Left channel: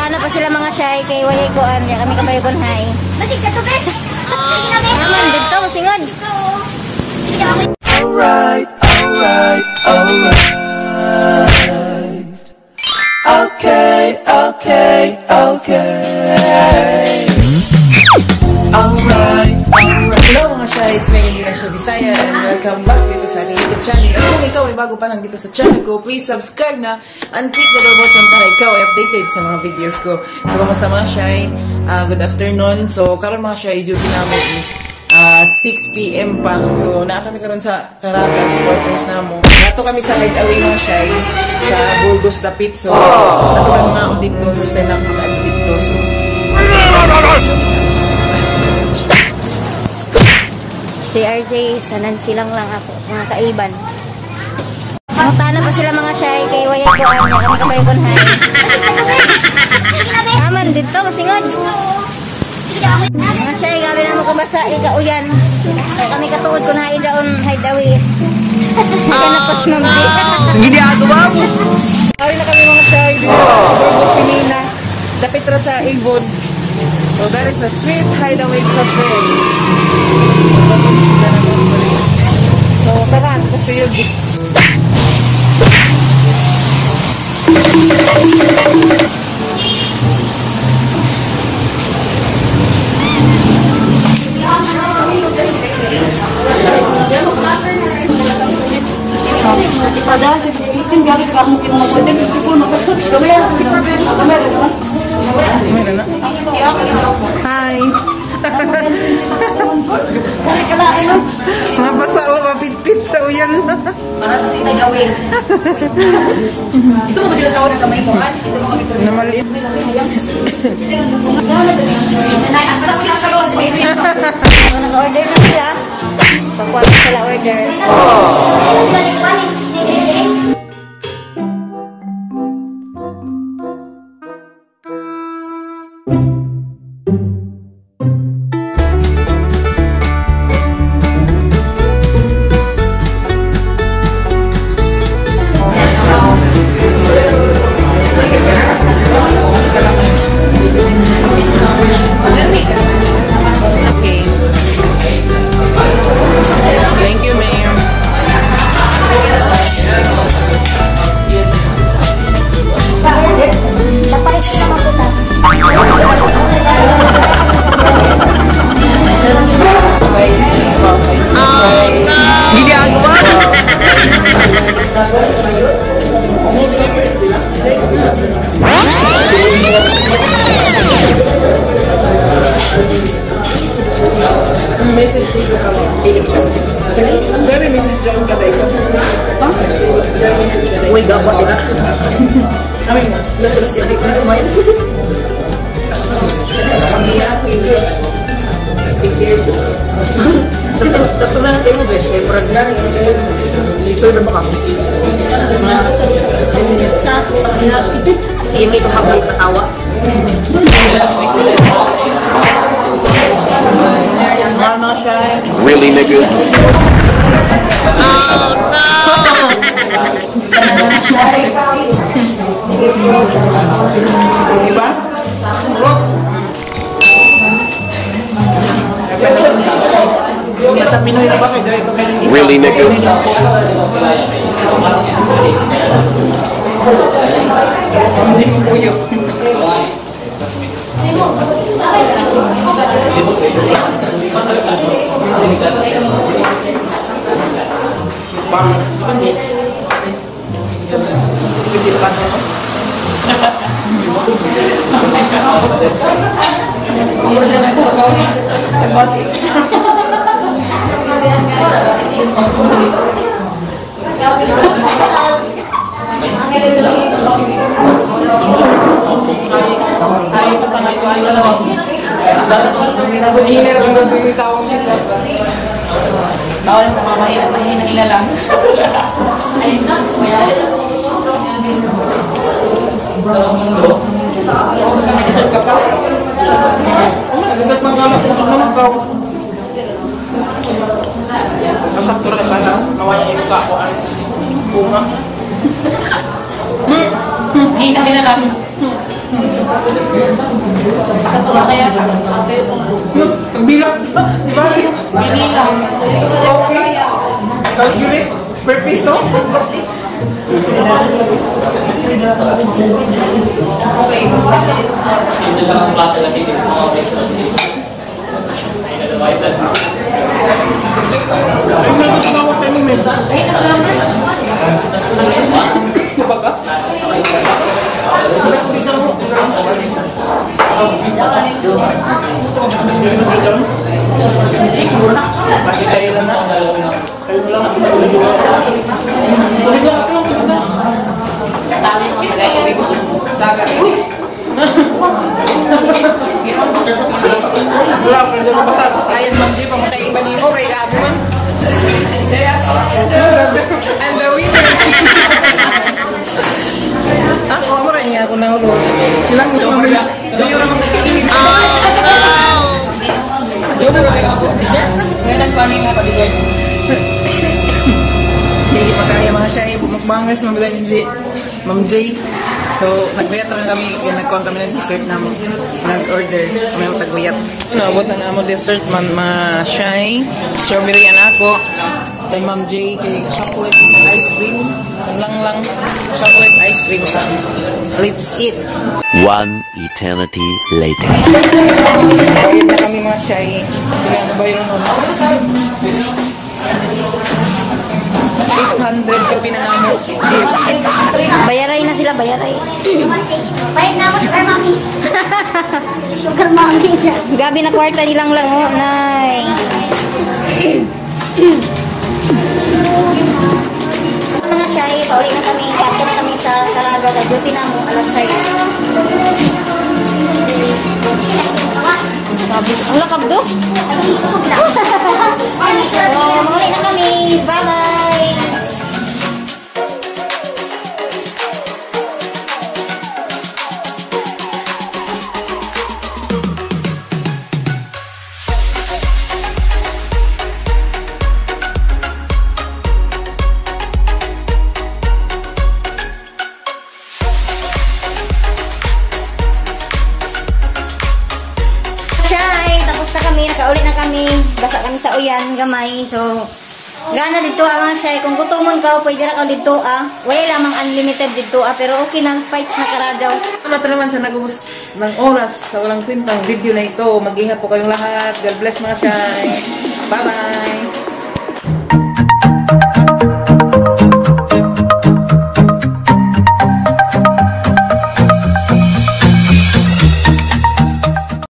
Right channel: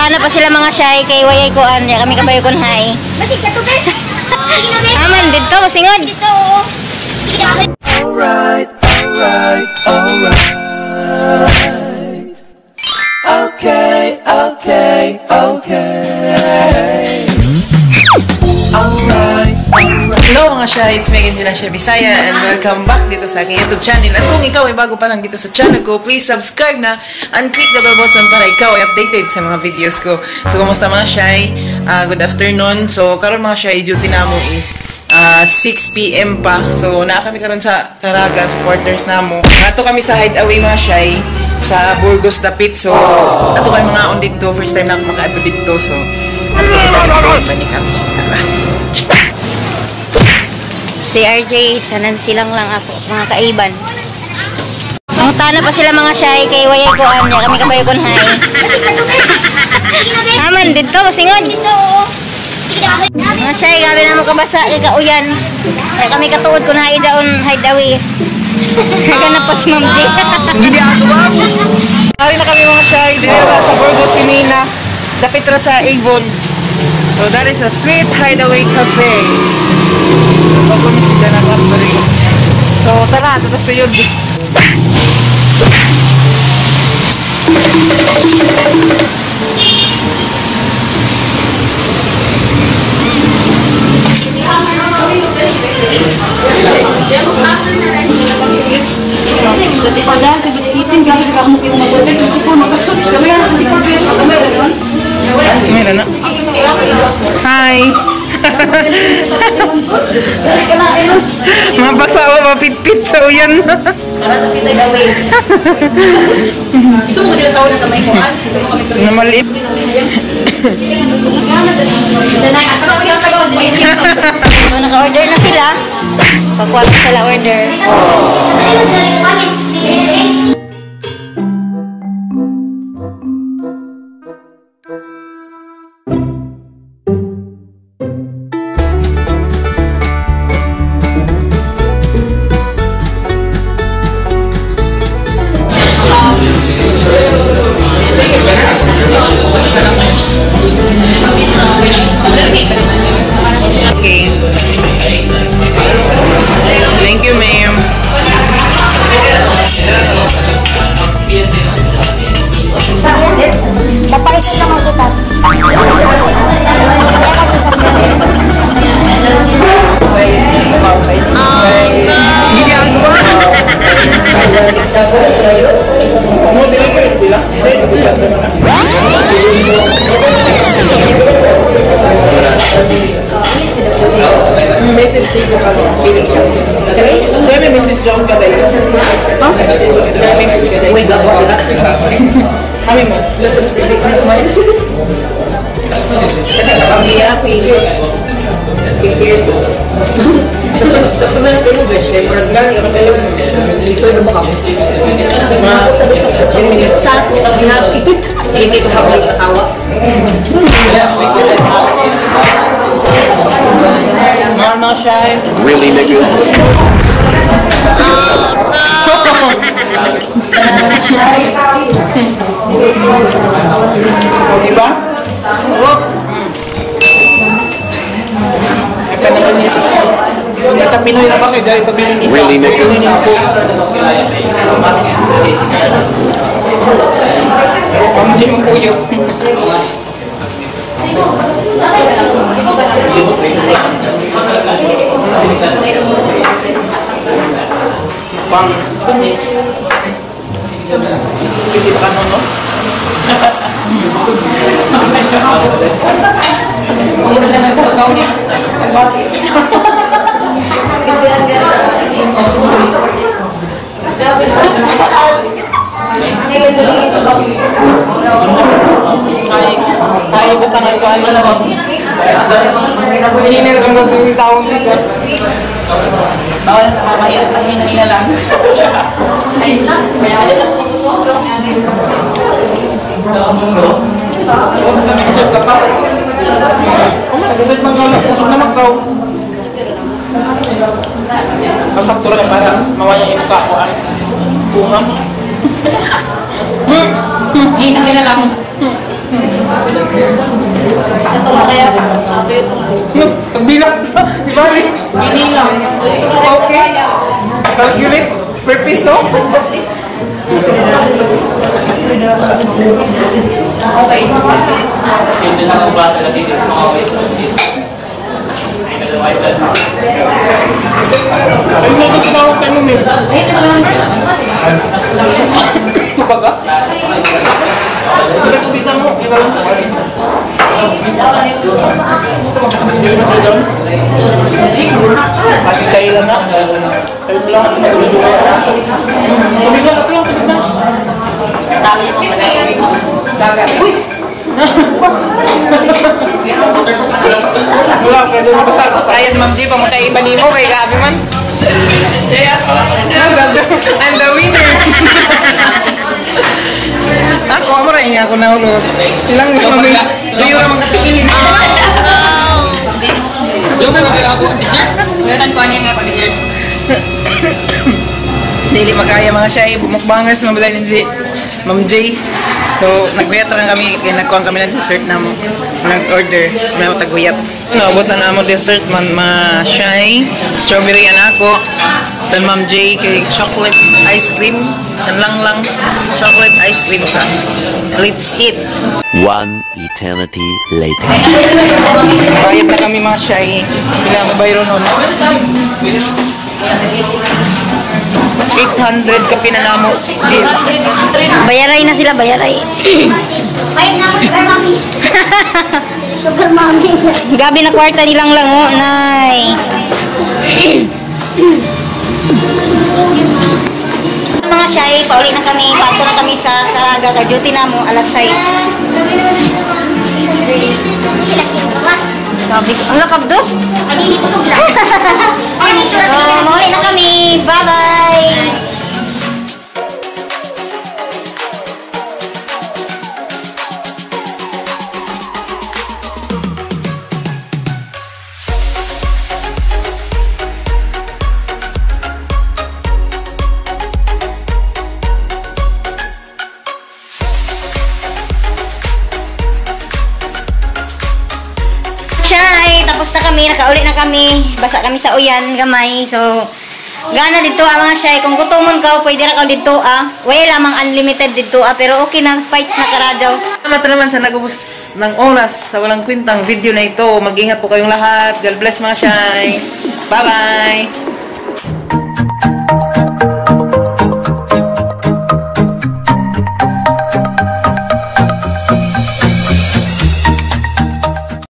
Mangutana pa sila mga Shay kay wayay ko anya kami kabayo kon hay. Masig ka to guys. Aman dito singod. Alright. Okay. Alright. Hello mga Shay, it's me again, Shay Bisaya, and welcome back dito sa aking YouTube channel. At kung ikaw ay bago pa lang dito sa channel ko, please subscribe na and click the bell button para ikaw ay updated sa mga videos ko. So, kumusta mga Shay? Good afternoon. So, karon mga Shay, duty na mo is 6 PM pa. So, naa kami karon sa Caraga, sa quarters na mo. Ato kami sa Hideaway mga Shay, sa Burgos Dapit. So, ato kay mga on dito. First time na ako maka-ato dito. So, Si RJ, sanan silang lang ako, mga kaiban. Mangutana pa sila mga Shay kay wayay ko anya kami kabayo kon hay. Aman dito singod. Mga Shay, gabi na mo kabasa kay kauyan. Kaya kami katuod kun hay daon Hideaway. Kaya na pas mamdi. hindi ako ba? Kaya na kami mga Shay dito sa Burgos Sinina. Dapit na sa Avon. So that is a sweet Hideaway cafe. Pag-kumisita na company. So tara, ito sa iyo. Pada sa binitin gamit sa akong pinamabutin. Kung mag-search kami, Meron na. Hi! Mga basa o mapit-pit sa uyan. para sa sitay gawin. Ito mo dito sa una sa may kuhan. Ito mo kami Na maliit. Sanay, ako kami ang sagot. Naka-order na sila. Pagkuha na sila order. Thank you, ma'am. Hindi ako ba? Message dito ka ba? May message dyan ka tayo. Uy, gabot nila. Kami mo, nasa civic na sa mga kami happy. Tapos na sa English, kaya murag gani kami sa iyo. Dito na ba kami? Sa sinabi. Sige, may kasabay na tawa. Mama Shay. Really, nigga? Oh no! O, diba? Nasa Pinoy na ba kayo? Gawin pagkain isa. Really, nigga? Hindi mo puyo. Hindi ka ano, no? Hindi ka lang sa tao niya. Ay, katangay ko ay alam mo. Hinil ko na yung taong dito. Bawal na mamahina lang. Nag-isip ka pa? Nag-isip man doon. Usok na mag-grow. Kasakto rin para mawanya yung kakuan. Kumam. Hina lang. piso? Schedule lang ang basa kasi dito mga restaurant is ay nalaway lang. Ay, may katanawag tayo mo, Mel. Baga? Bisa mo, ilalang ko. Hindi mo siya doon? Bakit kayo lang na? Kayo mo lang at magulog-ulog. Tubig lang, tubig lang. Tawag mo pala yung Dagat. Uy! Wala, pwede mo basa. Ayos, Ma'am G, pamutaiba ni mo kay Gabi man. Kaya ako. I'm the winner. Ako, amo rin ako nahulot. Ilang kami. Tuyo naman katingin. Yung mo kaya ako dessert. Meron ko niya nga pa dessert. Dili makaya mga Shay, mukbangers mabalay din si Ma'am J. So, naguyat rin kami, nagkuhan kami ng dessert na nag-order. Kami ako taguyat. Naabot na naman dessert man mga Shay. Strawberry yan ako. Then Ma'am J kay chocolate ice cream. Yan lang chocolate ice cream sa. Let's eat. One eternity later. Bayad na kami mga Shay. Ilang bayro nun. 800 ka pinanamo. Bayaray na sila, bayaray. Ayun nga ako, sugar mommy. Sugar mommy. Gabi na kwarta nilang lang, oh. Nay. Mga Shay, pauli na kami. Pasok na kami sa gaka-duty na mo, alas 6. Sabi ko, ang nakabdos? Hindi ko sugla. Ay, So, mauli na kami. Bye-bye! Shay, tapos na kami, nakauli na kami. Basa kami sa uyan, gamay. So, gana dito mga Shay. Kung gutumon ka, pwede ra ka dito Wala lamang unlimited dito pero okay na, fights na karadaw. Salamat naman sa nag-ubos ng oras sa walang kwintang video na ito. Mag-ingat po kayong lahat. God bless mga Shay. Bye-bye!